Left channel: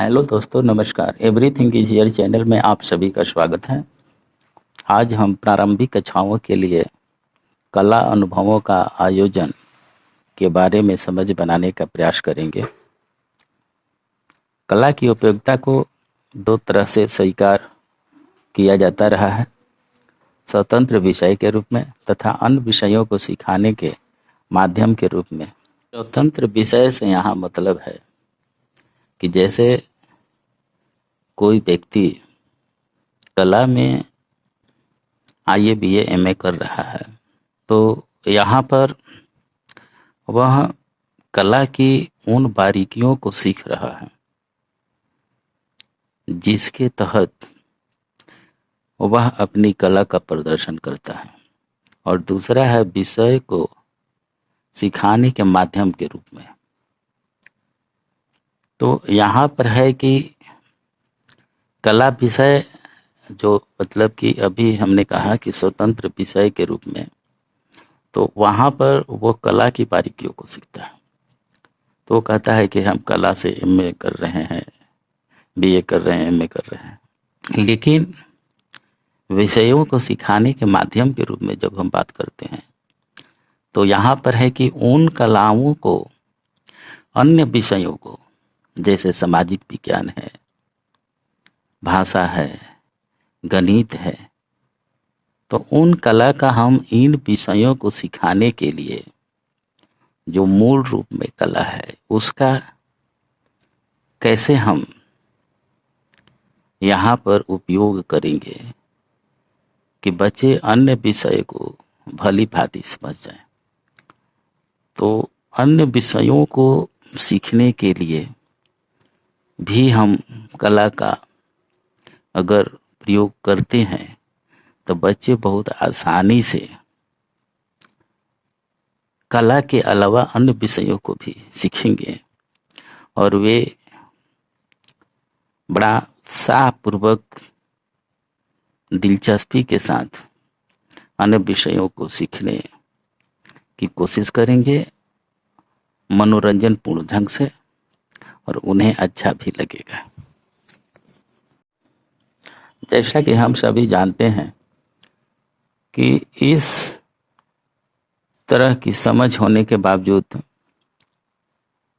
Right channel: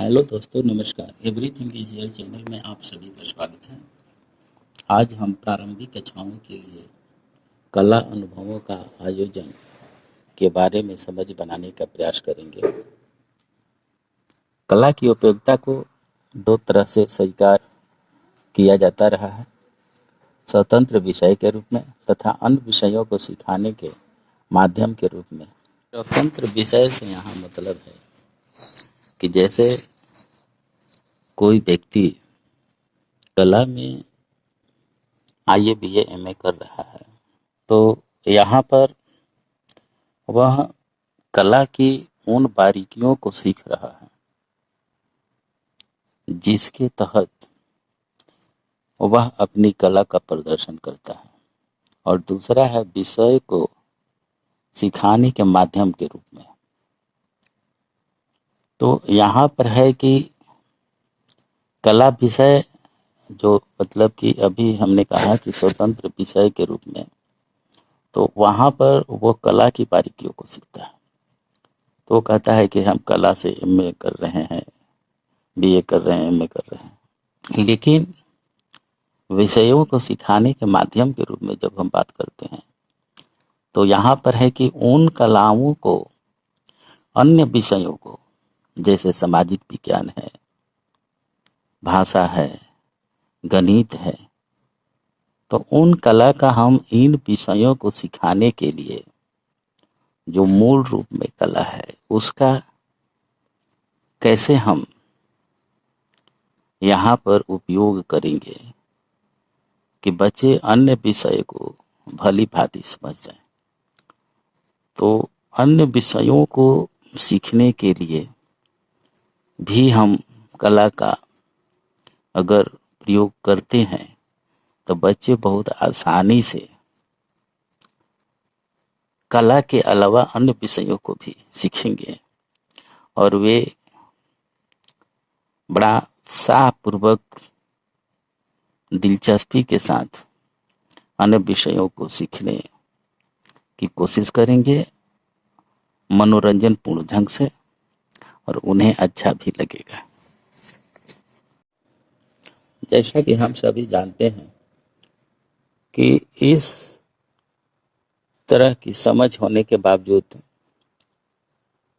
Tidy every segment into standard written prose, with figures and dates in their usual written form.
Hello दोस्तों, नमस्कार। Everything is here channel में आप सभी का स्वागत है। आज हम प्रारंभिक कक्षाओं के लिए कला अनुभवों का आयोजन के बारे में समझ बनाने का प्रयास करेंगे। कला की उपयोगिता को दो तरह से स्वीकार किया जाता रहा है, स्वतंत्र विषय के रूप में तथा अन्य विषयों को सिखाने के माध्यम के रूप में। स्वतंत्र विषय से यहाँ मतलब है कि जैसे कोई व्यक्ति कला में आईए बीए एमए कर रहा है तो यहाँ पर वह कला की उन बारीकियों को सीख रहा है जिसके तहत वह अपनी कला का प्रदर्शन करता है, और दूसरा है विषय को सिखाने के माध्यम के रूप में। तो यहाँ पर है कि कला विषय जो मतलब कि अभी हमने कहा कि स्वतंत्र विषय के रूप में, तो वहाँ पर वो कला की बारीकियों को सीखता है। तो वो कहता है कि हम कला से एमए कर रहे हैं, बीए कर रहे हैं, एमए कर रहे हैं। लेकिन विषयों को सिखाने के माध्यम के रूप में जब हम बात करते हैं तो यहाँ पर है कि उन कलाओं को, अन्य विषयों को, जैसे सामाजिक विज्ञान है, भाषा है, गणित है, तो उन कला का हम इन विषयों को सिखाने के लिए जो मूल रूप में कला है उसका कैसे हम यहाँ पर उपयोग करेंगे कि बच्चे अन्य विषय को भली भांति समझ जाएं। तो अन्य विषयों को सीखने के लिए भी हम कला का अगर प्रयोग करते हैं तो बच्चे बहुत आसानी से कला के अलावा अन्य विषयों को भी सीखेंगे और वे बड़ा उत्साहपूर्वक, दिलचस्पी के साथ अन्य विषयों को सीखने की कोशिश करेंगे, मनोरंजन पूर्ण ढंग से, और उन्हें अच्छा भी लगेगा। जैसा कि हम सभी जानते हैं कि इस तरह की समझ होने के बावजूद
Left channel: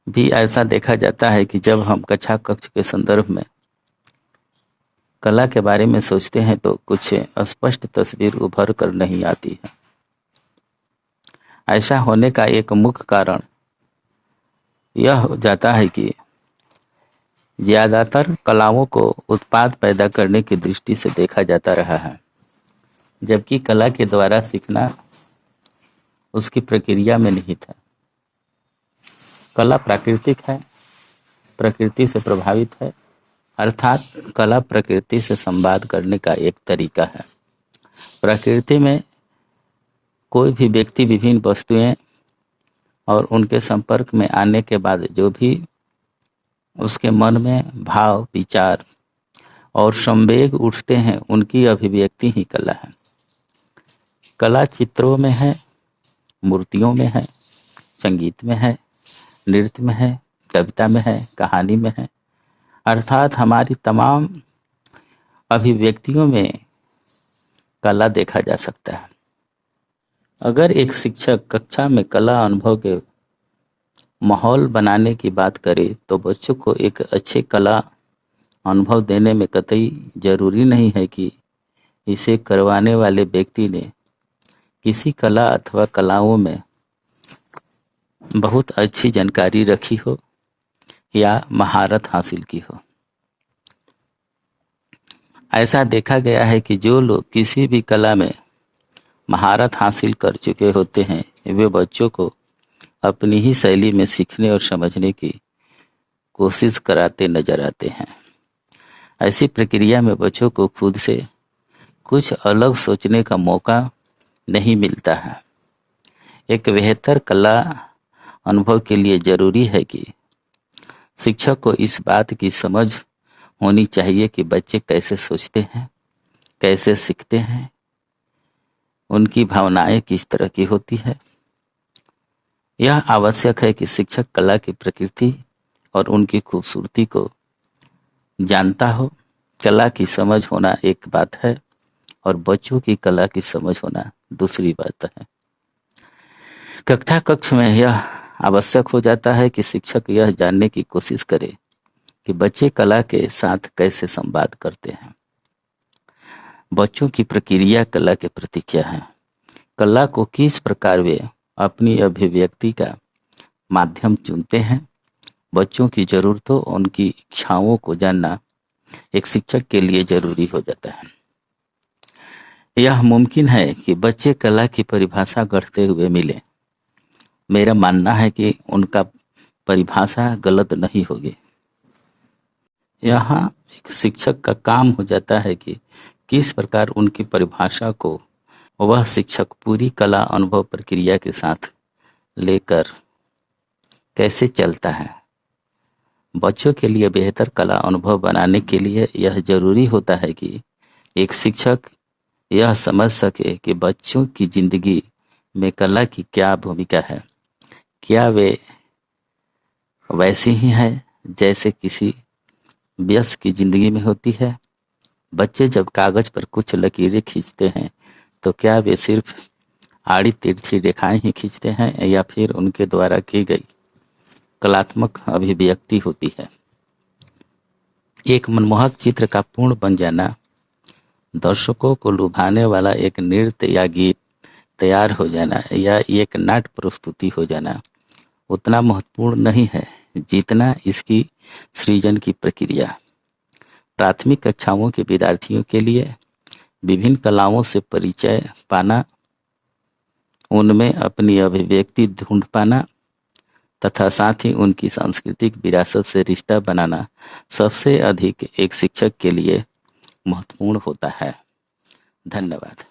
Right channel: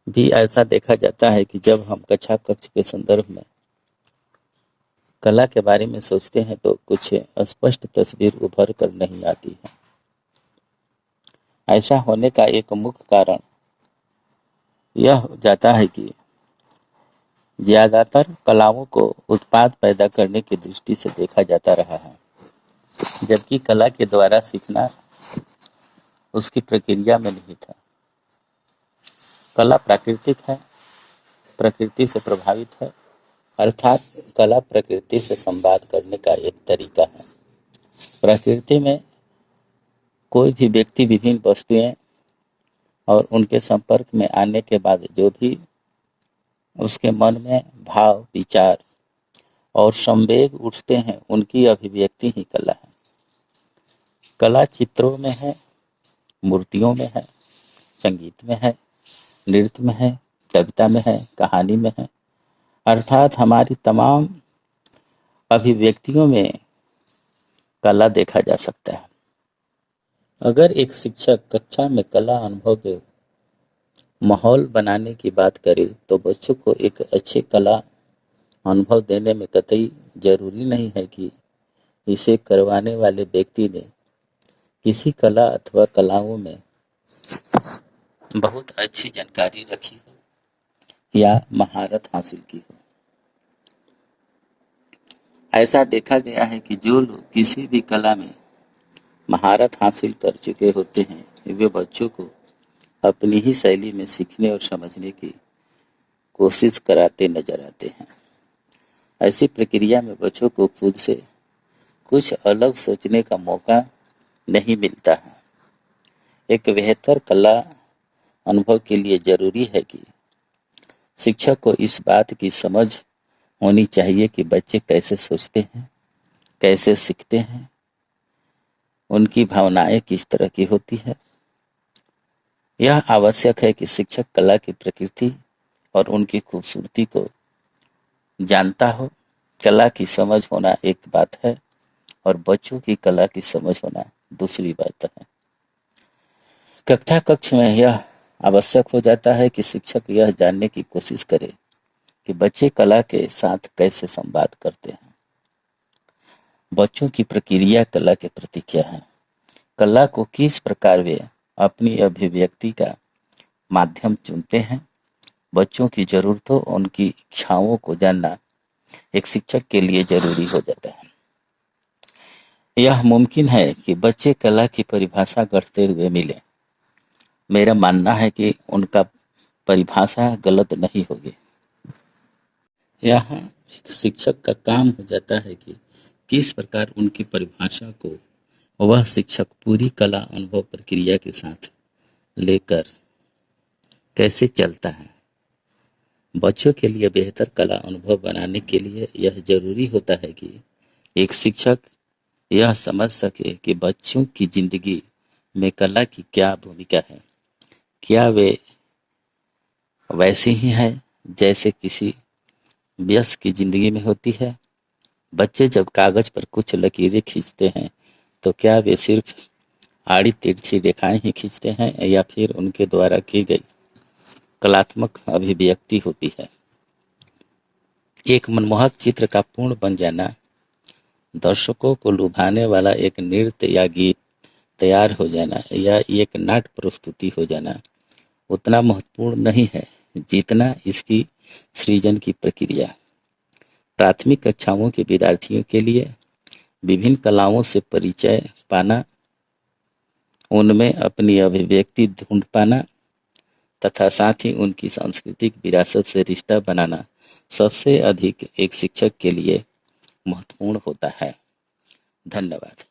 भी ऐसा देखा जाता है कि जब हम कक्षा कक्ष के संदर्भ में कला के बारे में सोचते हैं तो कुछ स्पष्ट तस्वीर उभर कर नहीं आती है। ऐसा होने का एक मुख्य कारण यह हो जाता है कि ज़्यादातर कलाओं को उत्पाद पैदा करने की दृष्टि से देखा जाता रहा है, जबकि कला के द्वारा सीखना उसकी प्रक्रिया में नहीं था। कला प्राकृतिक है, प्रकृति से प्रभावित है, अर्थात कला प्रकृति से संवाद करने का एक तरीका है। प्रकृति में कोई भी व्यक्ति विभिन्न वस्तुएं और उनके संपर्क में आने के बाद जो भी उसके मन में भाव, विचार और संवेग उठते हैं, उनकी अभिव्यक्ति ही कला है। कला चित्रों में है, मूर्तियों में है, संगीत में है, नृत्य में है, कविता में है, कहानी में है, अर्थात हमारी तमाम अभिव्यक्तियों में कला देखा जा सकता है। अगर एक शिक्षक कक्षा में कला अनुभव के माहौल बनाने की बात करे तो बच्चों को एक अच्छे कला अनुभव देने में कतई जरूरी नहीं है कि इसे करवाने वाले व्यक्ति ने किसी कला अथवा कलाओं में बहुत अच्छी जानकारी रखी हो या महारत हासिल की हो। ऐसा देखा गया है कि जो लोग किसी भी कला में महारत हासिल कर चुके होते हैं वे बच्चों को अपनी ही शैली में सीखने और समझने की कोशिश कराते नजर आते हैं। ऐसी प्रक्रिया में बच्चों को खुद से कुछ अलग सोचने का मौका नहीं मिलता है। एक बेहतर कला अनुभव के लिए जरूरी है कि शिक्षक को इस बात की समझ होनी चाहिए कि बच्चे कैसे सोचते हैं, कैसे सीखते हैं, उनकी भावनाएं किस तरह की होती है। यह आवश्यक है कि शिक्षक कला की प्रकृति और उनकी खूबसूरती को जानता हो, कला की समझ होना एक बात है और बच्चों की कला की समझ होना दूसरी बात है। कक्षा कक्ष में यह आवश्यक हो जाता है कि शिक्षक यह जानने की कोशिश करे कि बच्चे कला के साथ कैसे संवाद करते हैं। बच्चों की प्रक्रिया कला के प्रति क्या है, कला को किस प्रकार वे अपनी अभिव्यक्ति का माध्यम चुनते हैं। बच्चों की जरूरतों, उनकी इच्छाओं को जानना एक शिक्षक के लिए जरूरी हो जाता है। यह मुमकिन है कि बच्चे कला की परिभाषा गढ़ते हुए मिले। मेरा मानना है कि उनका परिभाषा गलत नहीं होगी। यहाँ एक शिक्षक का काम हो जाता है कि किस प्रकार उनकी परिभाषा को वह शिक्षक पूरी कला अनुभव प्रक्रिया के साथ लेकर कैसे चलता है। बच्चों के लिए बेहतर कला अनुभव बनाने के लिए यह जरूरी होता है कि एक शिक्षक यह समझ सके कि बच्चों की जिंदगी में कला की क्या भूमिका है। क्या वे वैसी ही है जैसे किसी वयस्क की जिंदगी में होती है। बच्चे जब कागज पर कुछ लकीरें खींचते हैं तो क्या वे सिर्फ आड़ी तिरछी रेखाएं ही खींचते हैं या फिर उनके द्वारा की गई कलात्मक अभिव्यक्ति होती है। एक मनमोहक चित्र का पूर्ण बन जाना, दर्शकों को लुभाने वाला एक नृत्य या गीत तैयार हो जाना या एक नाट्य प्रस्तुति हो जाना उतना महत्वपूर्ण नहीं है जितना इसकी सृजन की प्रक्रिया। प्राथमिक कक्षाओं के विद्यार्थियों के लिए विभिन्न कलाओं से परिचय पाना, उनमें अपनी अभिव्यक्ति ढूंढ पाना तथा साथ ही उनकी सांस्कृतिक विरासत से रिश्ता बनाना सबसे अधिक एक शिक्षक के लिए महत्वपूर्ण होता है। धन्यवाद।